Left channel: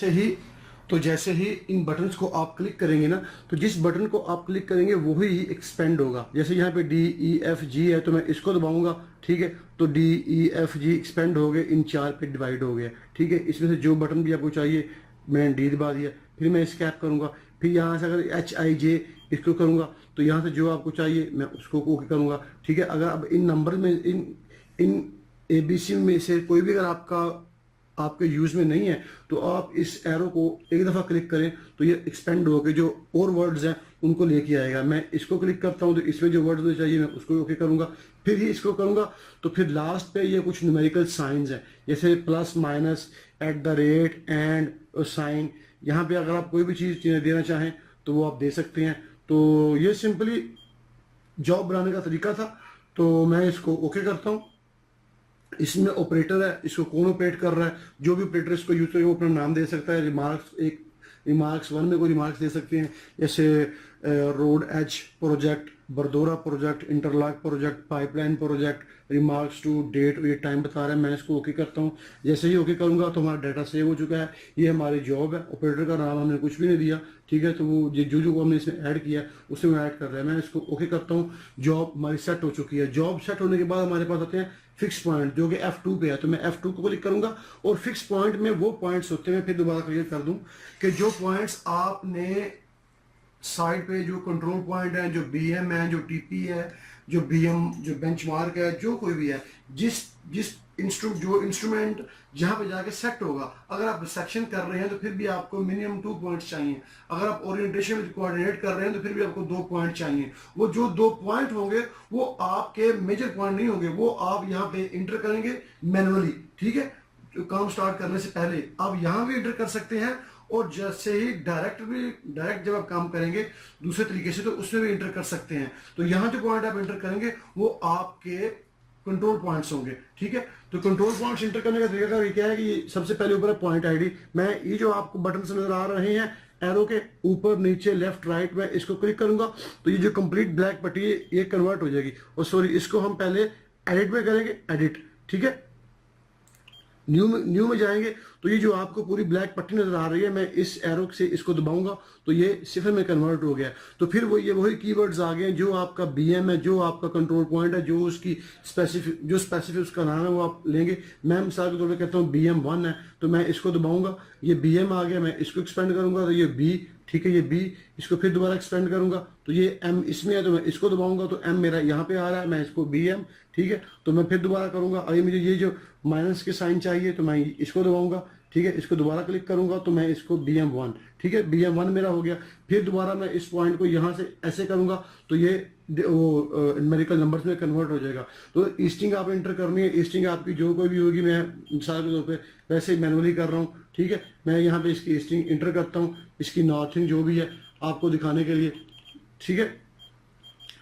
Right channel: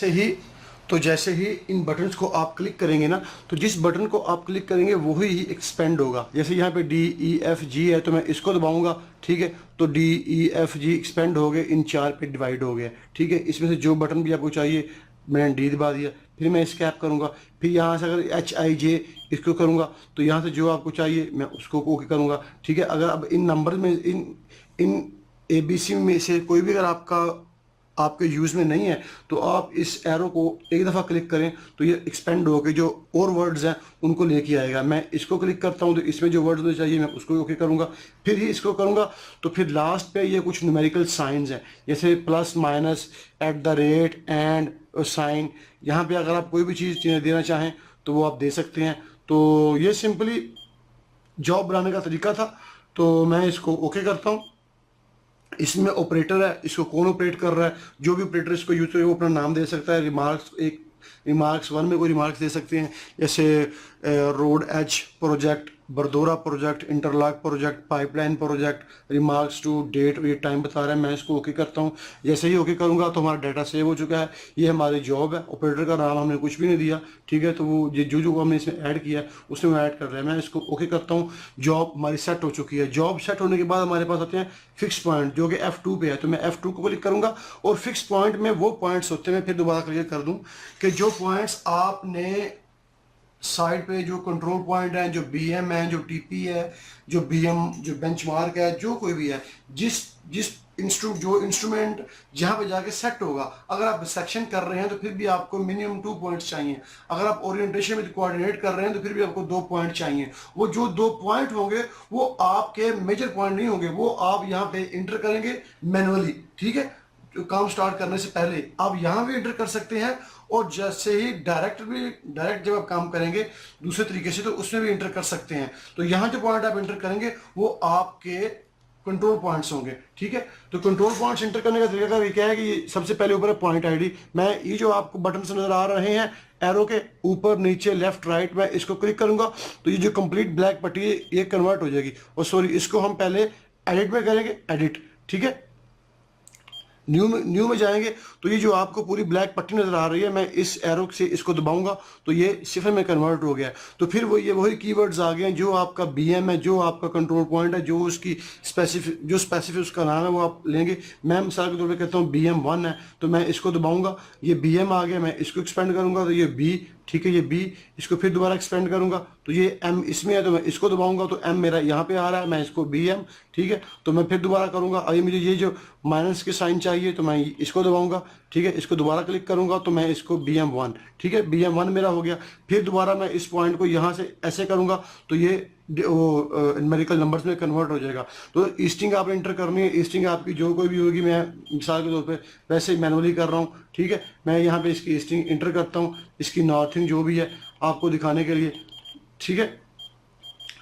से ही तो जैसे ही इन बटन्स को आप क्लिक करेंगे ना, तो जिस बटन को आप क्लिक करेंगे वही ही एक्सपेंड होगा। जैसे यहाँ पे DEFG है तो मैं इसको दबाऊंगा, ठीक है, तो DEFG एक्सपेंड हो गए, इन 4 पे डिवाइड हो गया, ठीक है। इसमें से जो बटन भी आपको चाहिए मैंने D दबा दिया, फिर मैं स्कैप करूँगा, फिर यहाँ से अगर HIJ इसको करूँगा तो यहाँ से जो आपको चाहिए मैं उसको ओके करूँगा, ठीक है। अगर अब इन नंबर में इन ABC में से कोई भी अगर आपके यूज़ में नहीं है तो आप इस एरो को एक दफ़ा क्लिक करें तो ये एक्सपेंड होकर जो और वर्ड्स हैं उनको लेके आएगा। मैं इसको क्लिक करता हूँ तो इसमें जो वर्ड्स होने चाहिए मैं उसको ओके करूँगा, फिर ही इसको करूँगा तो फिर लास्ट पे ये कुछ न्यूमेरिकल साइंस हैं जैसे प्लस माइनस @ एंड साइन। यहाँ पे अगर आप कोई भी चीज़ देना चाहें तो वो आप दे सकते हैं। तो ये सिंपली जॉब बनाने का तरीका था। तो मैं इसको ओके करता हूँ। इसमें ऑपरेटर है, इसको कौन ऑपरेट कर रहा है, जो भी ऑपरेटर इसको यूज करे वो अपना नाम दे सकता है। रिमार्क्स 1 में कोई रिमार्क्स दे सकते हैं जैसे रोड एज प्रोजेक्ट, बरदोरा project, interlock project, pipeline project, remarks to date, ये टाइम बता रहा है। मैं इसको ओके करता हूँ। जैसे ही ओके करूँगा तो हमारा डाटा सेव हो चुका है। ये हमारी जॉब है। ऑपरेटर का नाम हमने कुछ भी नहीं दिया, ठीक है, तो वो जो हमने इसमें ऐड किया है उसमें वो ऐड कर रहा है। मैं इसको ओके करता हूँ। जॉब हमारी सेट हो चुकी है। जॉब सेट होने के बाद हमारे पास आते हैं फिक्स पॉइंट जो कि F2 पे है, तो मैं F2 को क्लिक करूँगा और फिक्स पॉइंट में वो पॉइंट्स होते हैं। फिर दोबारा क्लियर कर दूँ कि जो पॉइंट्स आपने साइड पे जो कंट्रोल पॉइंट है, जो BM है, जो TP है, जो BM, जो बेंचमार्क है, जो कोई भी है, जिस इंस्ट्रूमेंट जहाँ पे जाके सेट होगा। अगर आप सेक्शन कर रहे हैं तो फिर भी आपको मिनिमम 2 पॉइंट्स चाहिए। अगर आप ओरिएंटेशन में कोऑर्डिनेट कर रहे हैं तो फिर भी आपको 2 पॉइंट चाहिए। वो जो 2 पॉइंट होंगे वो आपके मेजर पॉइंट नहीं होंगे, वो आप यहाँ पे इंटर करेंगे मैनुअली, ठीक है। तो काम स्टार्ट करने से पहले आप यहाँ भी इंटर कर सकते हैं और जैसे ही डायरेक्ट जब आप काम करेंगे दूसरे तरीके से तो उसमें भी इंटर कर सकते हैं। तो यहाँ जो पॉइंट आप इंटर करेंगे वो आपके कंट्रोल पॉइंट्स होंगे, ठीक है। तो कंट्रोल पॉइंट्स इंटर करने का तरीका क्या है कि ये सबसे पहले ऊपर है पॉइंट ID। मैं ये जो आपको बटन नजर आ रहे हैं एरो के ऊपर नीचे लेफ्ट राइट, मैं इसको क्लिक करूंगा तो ये जो कंप्लीट ब्लैक पट्टी है ये कन्वर्ट हो जाएगी। और सॉरी, इसको हम पहले एडिट में करेंगे, एडिट, ठीक है। न्यू में जाएंगे तो ये जो आपको पूरी ब्लैक पट्टी नजर आ रही है, मैं इस एरो से इसको दबाऊंगा तो ये सिफर में कन्वर्ट हो गया। तो फिर वही कीवर्ड्स आ गए हैं जो आपका BM है, जो आपका कंट्रोल पॉइंट है, जो उसकी स्पेसिफिक उसका नाम है वो आप लेंगे। मैं मिसाल के तौर पे कहता हूँ BM1 है तो मैं इसको दबाऊंगा, ये BM आ गया, मैं इसको एक्सपेंड करूंगा तो ये B, ठीक है, ये B, इसको फिर दोबारा एक्सपेंड करूंगा तो ये M इसमें है तो मैं इसको दबाऊंगा तो M मेरा यहाँ पे आ रहा है, मैं इसको BM, ठीक है, तो मैं फिर दोबारा करूंगा। अभी मुझे ये जो माइनस के साइन चाहिए तो मैं इसको दबाऊंगा, ठीक है, इसको दोबारा क्लिक करूंगा तो मैं इसको BM1, ठीक है, BM1 मेरा हो गया। फिर दोबारा मैं इस पॉइंट को यहाँ से ऐसे करूंगा तो ये वो न्यूमेरिकल नंबर्स में कन्वर्ट हो जाएगा। तो ईस्टिंग आप इंटर करनी है। ईस्टिंग आपकी जो कोई भी होगी, मैं मिसाल के तौर पे वैसे ही मैनुअली कर रहा हूँ, ठीक है। मैं यहाँ पे इसकी ईस्टिंग इंटर करता हूँ, इसकी नॉर्थिंग जो भी है आपको दिखाने के लिए, ठीक है,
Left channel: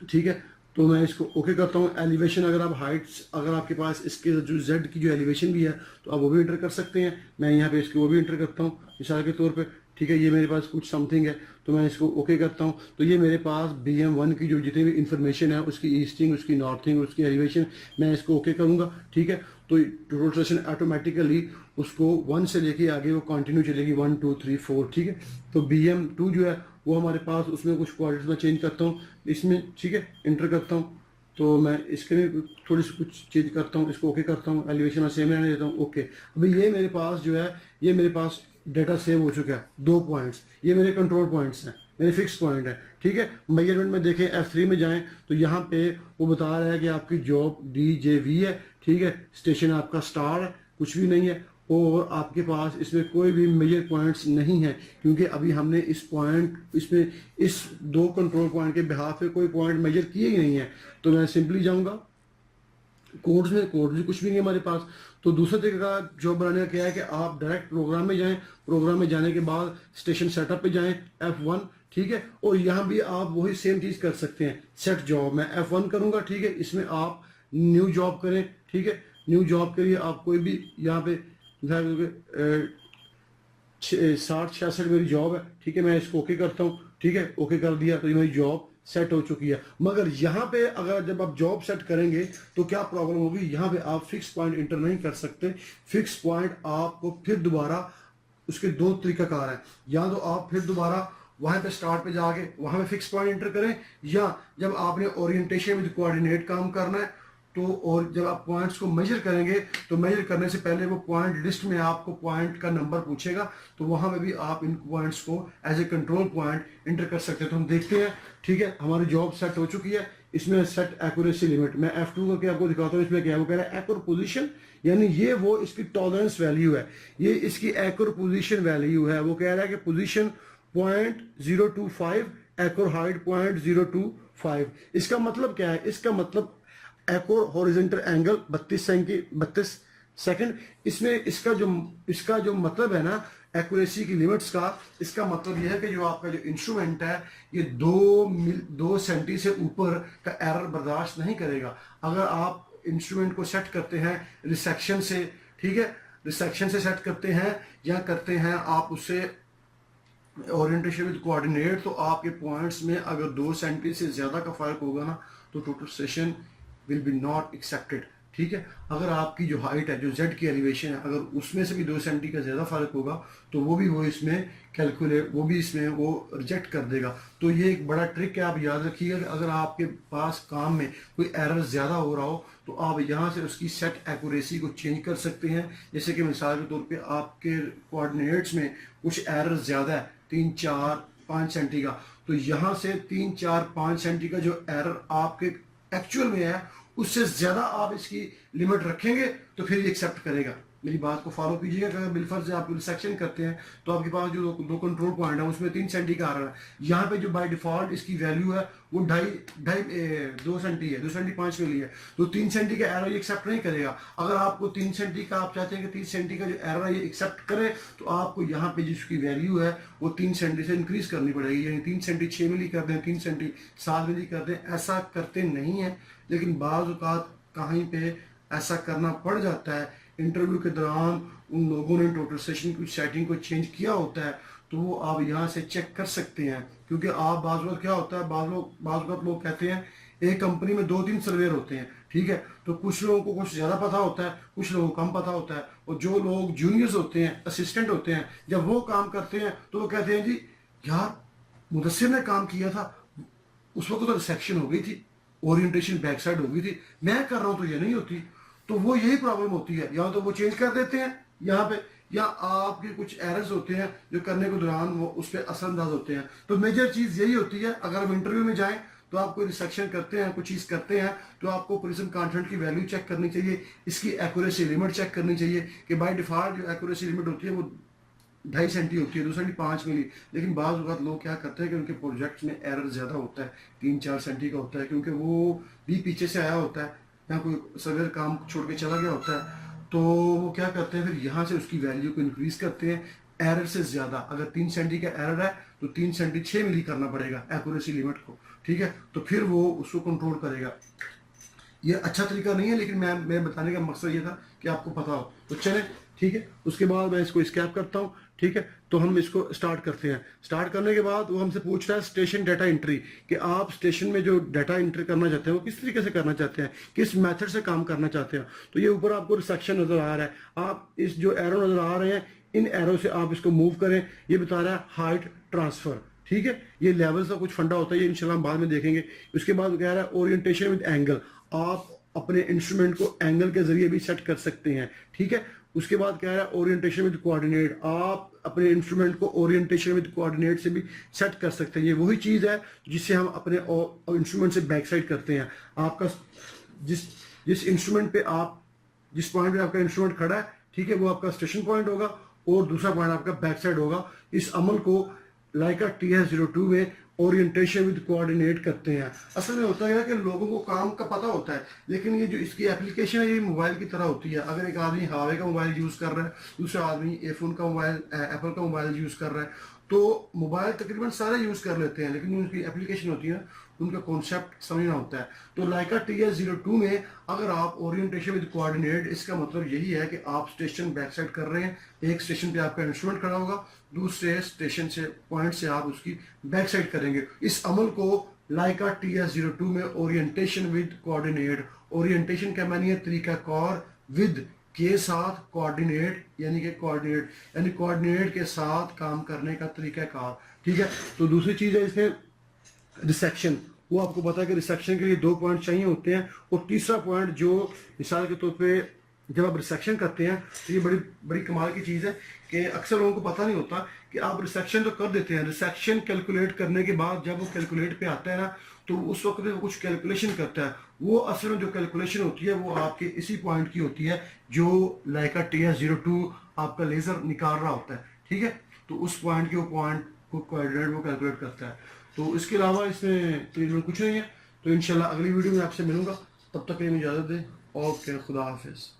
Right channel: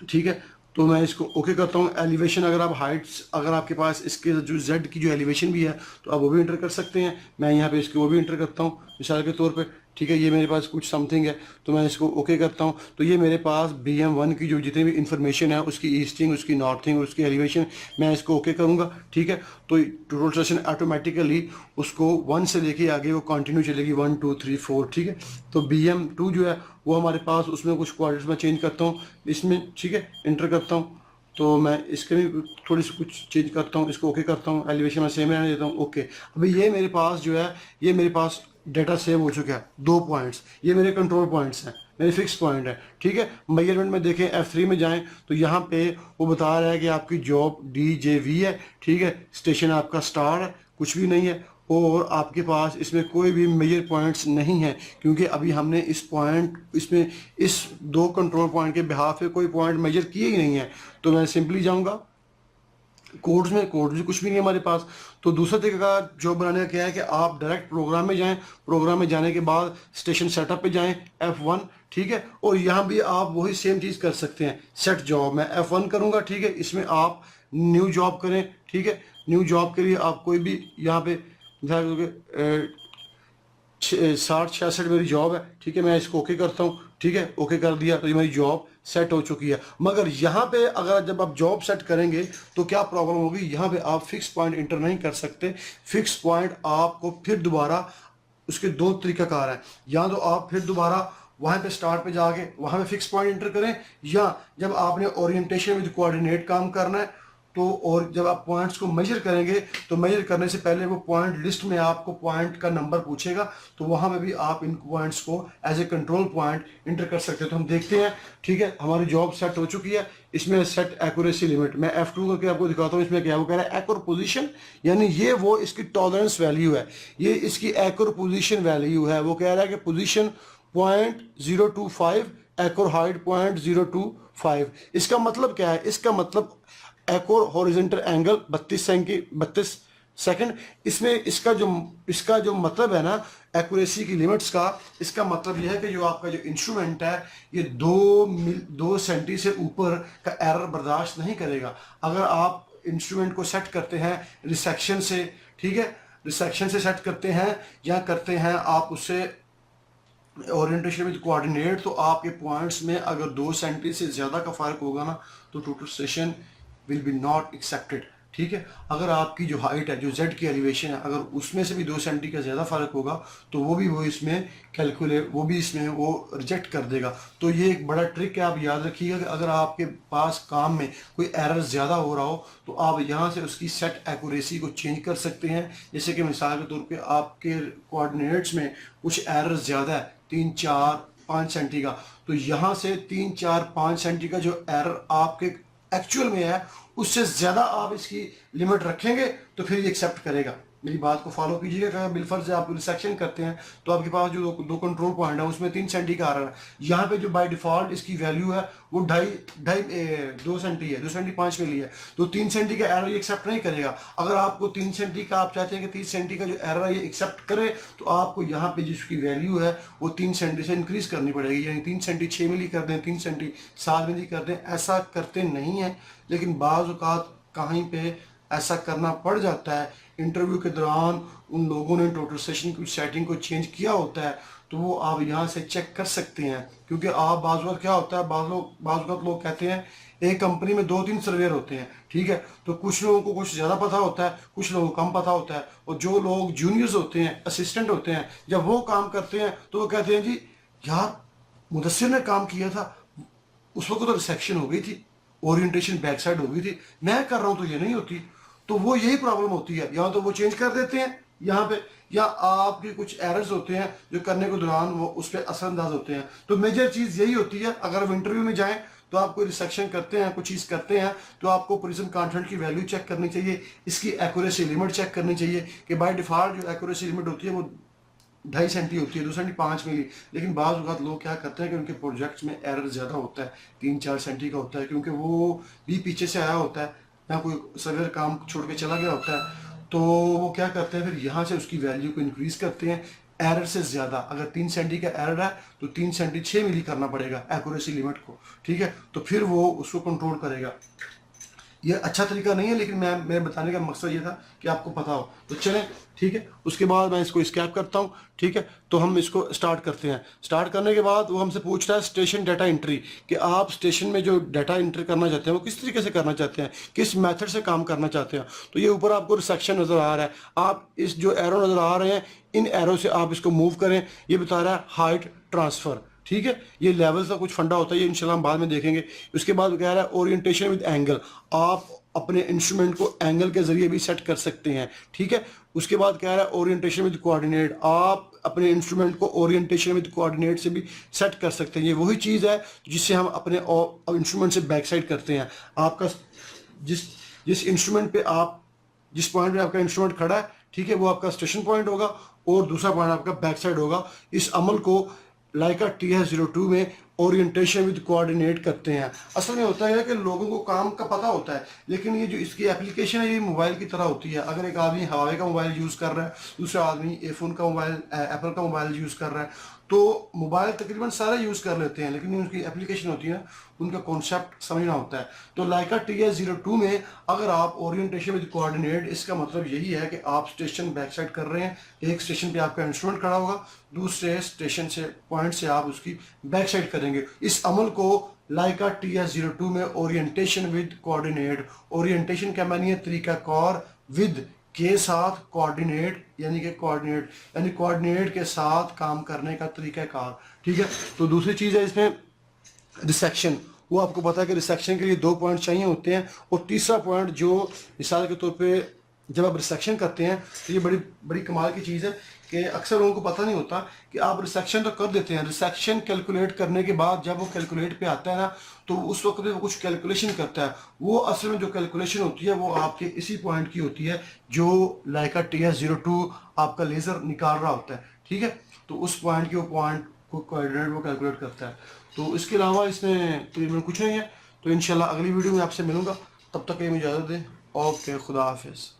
ठीक है। तो मैं इसको ओके करता हूँ। एलिवेशन, अगर आप हाइट्स, अगर आपके पास इसके जो Z की जो एलिवेशन भी है तो आप वो भी इंटर कर सकते हैं। मैं यहाँ पे इसको वो भी इंटर करता हूँ मिसाल के तौर पे, ठीक है। ये मेरे पास कुछ समथिंग है तो मैं इसको ओके करता हूँ तो ये मेरे पास BM1 की जो जितनी भी इंफॉर्मेशन है, उसकी ईस्टिंग, उसकी नॉर्थिंग, उसकी एलिवेशन, मैं इसको ओके करूँगा, ठीक है। तो टोटल सेशन ऑटोमेटिकली उसको 1 से लेके आगे वो कंटिन्यू चलेगी 1 2 3 4, ठीक है। तो BM2 जो है वो हमारे पास, उसमें कुछ क्वाड्रेंट्स में चेंज करता हूँ इसमें, ठीक है, इंटर करता हूँ तो मैं इसके भी थोड़ी सी कुछ चेंज करता हूँ, इसको ओके करता हूँ, एलिवेशन में सेम रहने देता हूँ, ओके। अभी ये मेरे पास जो है, ये मेरे पास डाटा सेव हो चुका है, 2 पॉइंट्स, ये मेरे कंट्रोल पॉइंट्स हैं, मेरे फिक्स पॉइंट है, ठीक है। मेजरमेंट में देखें F3 में जाएं तो यहाँ पे वो बता रहा है कि आपकी जॉब DJV है, ठीक है। स्टेशन आपका स्टार है, कुछ भी नहीं है और आपके पास इसमें कोई भी मेजर पॉइंट्स नहीं है क्योंकि अभी हमने इसमें इस 2 कंट्रोल पॉइंट के बिहाफ पे कोई पॉइंट मेजर किए ही नहीं है। तो मैं सिंपली जाऊंगा कोड्स में कुछ भी नहीं है हमारे पास। तो दूसरा तरीका का जॉब बनाने का क्या है कि आप डायरेक्ट प्रोग्राम में जाएं, प्रोग्राम में जाने के बाद स्टेशन सेटअप पे जाएं F1, ठीक है। और यहाँ भी आप वही सेम चीज़ कर सकते हैं, सेट जॉब, मैं F1 करूँगा, ठीक है। इसमें आप न्यू जॉब करें, ठीक है। न्यू जॉब के लिए आप कोई भी यहाँ पे 60-66 मेरी जॉब है, ठीक है। मैं इसको ओके करता हूँ, ठीक है, ओके कर दिया तो ये मेरी जॉब सेट हो चुकी है। मगर यहाँ पे अगर जब आप जॉब सेट करेंगे तो क्या प्रॉब्लम होगी, यहाँ पे आप फिक्स पॉइंट इंटर नहीं कर सकते। फिक्स पॉइंट आपको फिर दोबारा उसके दो तरीकाकार हैं, या तो आप फिर दोबारा वहाँ पे स्टार्ट पे जाके वहाँ पे फिक्स पॉइंट इंटर करें, या जब आपने ओरिएंटेशन विद कोऑर्डिनेट काम करना है तो, और जब आप पॉइंट्स को मेजर करेंगे तो मेजर करने से पहले वो पॉइंट लिस्ट में आपको पॉइंट का नंबर पूछेगा, तो वहाँ में भी आप इन पॉइंट्स को as a control point enter कर सकते हैं। तो हम देखते हैं, ठीक है, हमारी जॉब सेट हो चुकी है। इसमें सेट एक्यूरेसी लिमिट, मैं F2 करके आपको दिखाता हूँ। इसमें क्या वो कह रहा है एक्यूर पोजीशन, यानी ये वो इसकी टॉलरेंस वैल्यू है, ये इसकी एक्यूर पोजीशन वैल्यू है। वो कह रहा है कि पोजीशन 0.025, एक्यूर हाइट 0.025। इसका मतलब क्या है? इसका मतलब एक्यूर हॉरिजॉन्टल एंगल 32 सेकंड। इसमें इसका जो मतलब है ना एक्यूरेसी की लिमिट्स का, इसका मतलब यह है कि जो आपका जो इंस्ट्रूमेंट है ये 2 सेंटी से ऊपर का एरर बर्दाश्त नहीं करेगा। अगर आप इंस्ट्रूमेंट को सेट करते हैं रिसेक्शन से, ठीक है, रिसेक्शन से सेट करते हैं या करते हैं आप उससे ओरिएंटेशन विद कोऑर्डिनेट, तो आपके पॉइंट्स में अगर 2 सेंटी से ज़्यादा का फ़र्क होगा ना तो total session will be not accepted, ठीक है। अगर आपकी जो हाइट है, जो जेड की एलिवेशन है, अगर उसमें से भी 2 सेंटी का ज़्यादा फ़र्क होगा तो वो इसमें वो रिजेक्ट कर देगा। तो ये एक बड़ा ट्रिक है, आप याद रखिएगा कि अगर आपके पास काम में कोई एरर ज़्यादा हो रहा हो तो आप यहाँ से उसकी सेट एक्यूरेसी को चेंज कर सकते हैं। जैसे कि मिसाल के तौर पे आपके कोऑर्डिनेट्स में कुछ एरर ज़्यादा है 3, 4, 5 सेंटी का, तो यहाँ से 3, 4, 5 सेंटी का जो एरर आपके एक्चुअल में है उससे ज़्यादा आप इसकी लिमिट रखेंगे तो फिर ये एक्सेप्ट करेगा। मेरी बात को फॉलो कीजिएगा कि अगर बिलफर्ज आप रिसेक्शन करते हैं तो आपके पास जो दो कंट्रोल पॉइंट है उसमें 3 सेंटी का आ रहा है, यहाँ पे जो बाय डिफॉल्ट इसकी वैल्यू है वो 2 सेंटी है, 2 सेंटी 5 मिली है, तो 3 सेंटी का एरर ये एक्सेप्ट नहीं करेगा। अगर आपको 3 सेंटी का आप चाहते हैं कि 30 सेंटी का जो एरर है ये एक्सेप्ट करे तो आपको यहाँ पे जिसकी वैल्यू है वो 3 सेंटी से इंक्रीज करनी पड़ेगी, यानी 3 सेंटी 6 मिली कर दें, 3 सेंटी 7 मिली कर दें। ऐसा करते नहीं है, लेकिन बाज़ औक़ात कहीं पे ऐसा करना पड़ जाता है। इंटरव्यू के दौरान उन लोगों ने टोटल सेशन की सेटिंग को चेंज किया होता है, तो वो आप यहाँ से चेक कर सकते हैं। क्योंकि आप बाज़ वक़्त क्या होता है, बाज़ वक़्त लोग कहते हैं एक कंपनी में 2-3 सर्वेयर होते हैं, ठीक है, तो कुछ लोगों को कुछ ज़्यादा पता होता है, कुछ लोगों को कम पता होता है, और जो लोग जूनियर्स होते हैं, असिस्टेंट होते हैं, जब वो काम करते हैं तो वो कहते हैं जी यार मुदस्सिर ने काम किया था, उस वक्त तो रिसेक्शन हो गई थी, ओरिएंटेशन बैक साइड हो गई थी, मैं कर रहा हूँ तो ये नहीं होती। तो वो यही प्रॉब्लम होती है, या तो वो चेंज कर देते हैं यहाँ पे, या आपके कुछ एरर्स होते हैं जो करने के दौरान वो उस पर असरअंदाज होते हैं। तो मेजर चीज़ यही होती है, अगर आप इंटरव्यू में जाएं तो आप कोई रिसेक्शन करते हैं, कुछ चीज़ करते हैं, तो आपको प्रिज्म कंटेंट की वैल्यू चेक करनी चाहिए, इसकी एक्यूरेसी लिमिट चेक करनी चाहिए कि बाय डिफॉल्ट जो एक्यूरेसी लिमिट होती है वो 2.5 सेंटी होती है, 2 सेंटी 5 मिली। लेकिन बाज़ वक़्त लोग क्या करते हैं कि उनके प्रोजेक्ट्स में एरर ज़्यादा होता है, 3-4 सेंटी का होता है, क्योंकि वो भी पीछे से आया होता है या कोई सर्वेयर काम छोड़ के चला गया होता है, तो वो क्या करते हैं फिर यहाँ से उसकी वैल्यू को इंक्रीज़ करते हैं एरर से ज़्यादा। अगर 3 सेंटी का एरर है तो 3 सेंटी 6 मिली करना पड़ेगा एक्यूरेसी लिमिट को, ठीक है, तो फिर वो उसको कंट्रोल करेगा। ये अच्छा तरीका नहीं है, लेकिन मेरे बताने का मकसद ये था कि आपको पता हो। तो चलें, ठीक है, उसके बाद मैं इसको स्कैप करता हूँ, ठीक है, तो हम इसको स्टार्ट करते हैं। स्टार्ट करने के बाद वो हमसे पूछता है स्टेशन डाटा एंट्री, कि आप स्टेशन में जो डाटा एंट्री करना चाहते हैं वो किस तरीके से करना चाहते हैं, किस मेथड से काम करना चाहते हैं। तो ये ऊपर आपको रिसेक्शन नज़र आ रहा है, आप इस जो एरो नज़र आ रहे हैं इन एरो से आप इसको मूव करें। ये बता रहा है हाइट ट्रांसफ़र, ठीक है, ये लेवल्स का कुछ फंडा होता है, ये इंशाल्लाह हम बाद में देखेंगे। उसके बाद कह रहा है ओरिएंटेशन विद एंगल, आप अपने इंस्ट्रूमेंट को एंगल के जरिए भी सेट कर सकते हैं, ठीक है। उसके बाद कह रहा है ओरिएंटेशन विद कोऑर्डिनेट, आप अपने इंस्ट्रूमेंट को ओरिएंटेशन विद कोऑर्डिनेट से भी सेट कर सकते हैं। ये वही चीज़ है जिससे हम अपने इंस्ट्रूमेंट से बैक साइड करते हैं। आपका जिस इंस्ट्रूमेंट पे आप जिस पॉइंट पे आपका इंस्ट्रूमेंट खड़ा है, ठीक है, वो आपका स्टेशन पॉइंट होगा और दूसरा पॉइंट आपका बैक साइड होगा। इस अमल को लाइका TS02 में ओरिएंटेशन विद कोऑर्डिनेट करते हैं। असल में होता है कि लोगों को काम का पता होता है, लेकिन ये जो इसकी एप्लीकेशन है ये मोबाइल की तरह होती है। अगर एक आदमी हवावे का मोबाइल यूज़ कर रहा है, दूसरा आदमी एफोन का मोबाइल एप्पल का मोबाइल यूज़ कर रहा है, तो मोबाइल तकरीबन सारे यूज़ कर लेते हैं, लेकिन उनकी एप्लीकेशन होती है उनका कॉन्सेप्ट समझना होता है। तो लाइका TS02 में अगर आप ओरिएंटेशन विद कोऑर्डिनेट, इसका मतलब यही है कि आप स्टेशन बैक साइड कर रहे हैं, एक स्टेशन पे आपका इंस्ट्रूमेंट खड़ा होगा, दूसरे स्टेशन से पॉइंट से आप उसकी बैक साइड करेंगे। इस अमल को लाइका TS02 में ओरिएंटेशन विद कोऑर्डिनेट, ओरिएंटेशन का मानी है तरीका कार, विद के साथ कोऑर्डिनेट यानी कोऑर्डिनेट के साथ काम करने का तरीक़ाकार, ठीक है। तो दूसरी चीज़ है इसमें रिसेक्शन, वो आपको पता है कि रिसेक्शन के लिए 2 पॉइंट चाहिए होते हैं। और तीसरा पॉइंट जो मिसाल के तौर पे जब आप रिसेक्शन करते हैं तो ये बड़ी बड़ी कमाल की चीज़ है कि अक्सर लोगों को पता नहीं होता कि आप रिसेक्शन तो कर देते हैं, रिसेक्शन कैलकुलेट करने के बाद जब वो कैलकुलेट पे आता है ना तो उस वक्त में वो कुछ कैलकुलेशन करता है। वो असल में जो कैलकुलेशन होती है वो आपके इसी पॉइंट की होती है जो लाइका TS02 आपका लेज़र निकाल रहा होता है, ठीक है। तो उस पॉइंट के वो पॉइंट को कोऑर्डिनेट वो कैलकुलेट करता है। तो इसके अलावा इसमें तकरीबन कुछ नहीं है। तो इंशाल्लाह अगली वीडियो में आपसे मिलूंगा, तब तक के लिए मुझे इजाज़त दें। ओके, खुदा हाफिज़।